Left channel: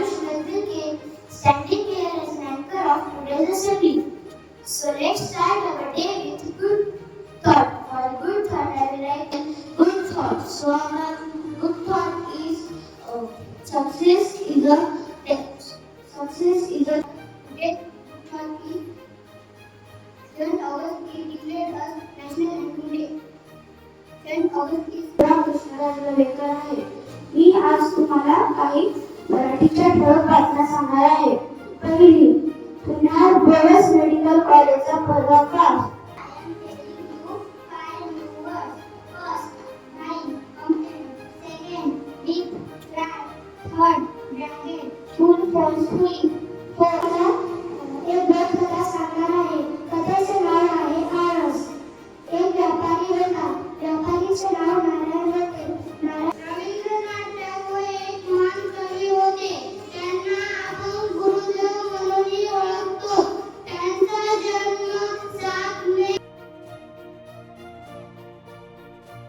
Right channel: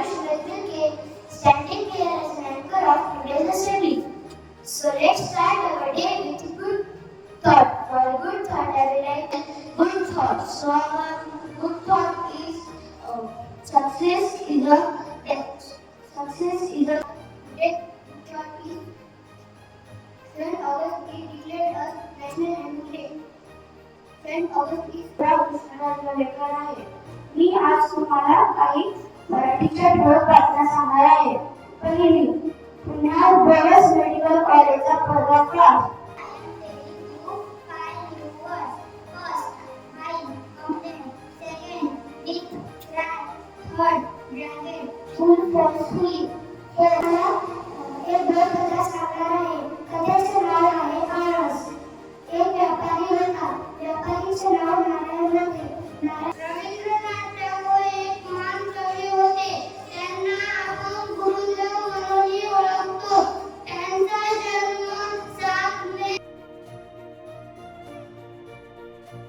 Ayush Mehta standing here as an anchor of today's assembly. So let's start our day with good thought. For good thought, I will write good thought. So our good thought is success is a success is a great thought is 7 August is declared as National Animal Day. 7 August is Krishnaraj लेकर आहे. मी आज तुम्हाला काही मराठीच्या ठळक बातम्या सांगणार आहे. पहिली, पुन्हा बोयस मेडिकल कॉलेजचा पूर्वाभ्यास. Third, bracket, full for school.